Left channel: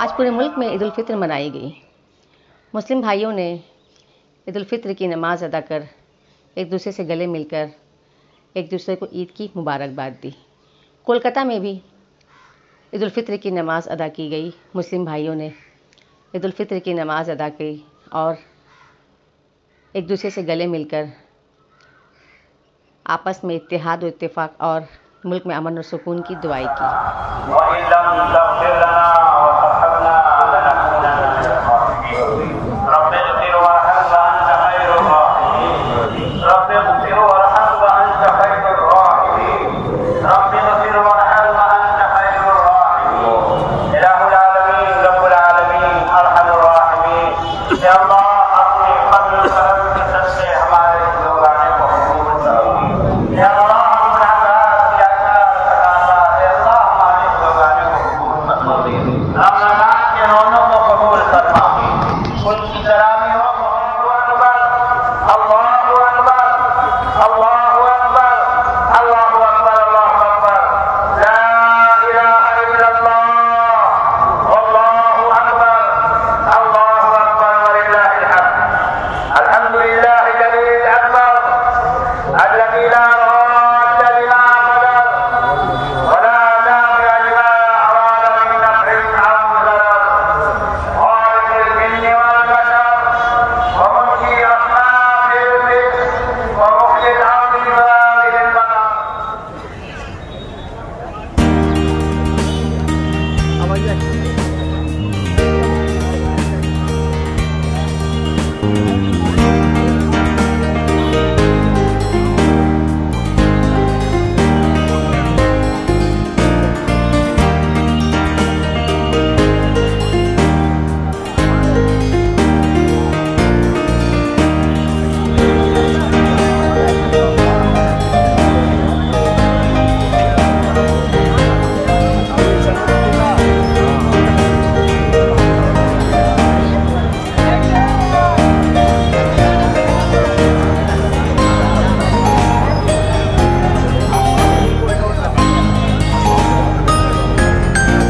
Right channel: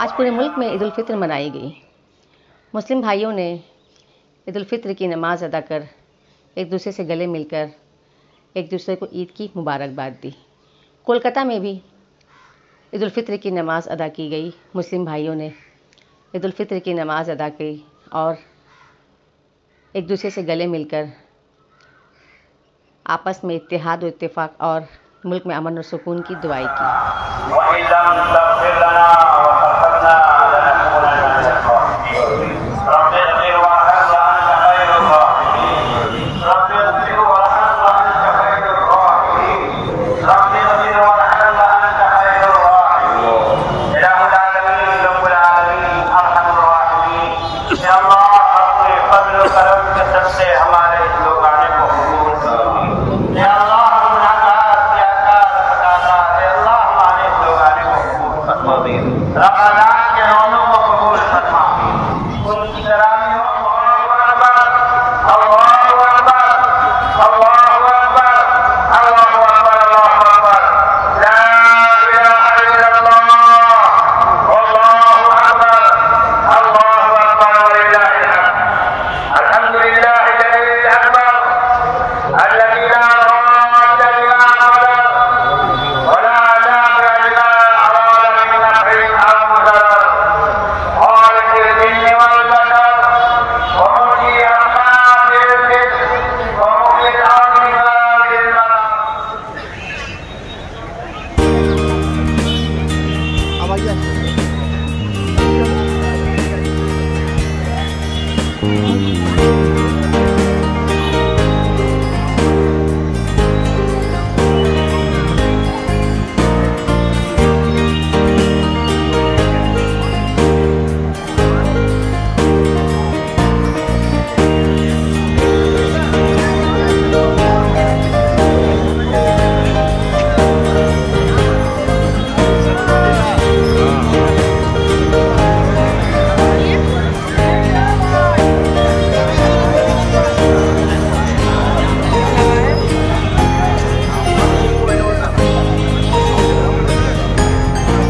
आज पूरे मुल्क में ईद उल फित्र मनाई गई। मुस्लिम भाइयों ने ईद उल फित्र की नमाज़ अदा कर एक दूसरे से गले मिलकर एक दूसरे को ईद की मुबारकबाद दी। कोलकाता में भी ईद उल फित्र की नमाज़ अदा की गई। मुस्लिम भाइयों ने ईद उल फित्र की नमाज़ अदा की और एक दूसरे से गले मिलकर आपस में इत्तेहाद और इत्तेफाक और मुल्क में अमन और सुकून की दुआएं Yes.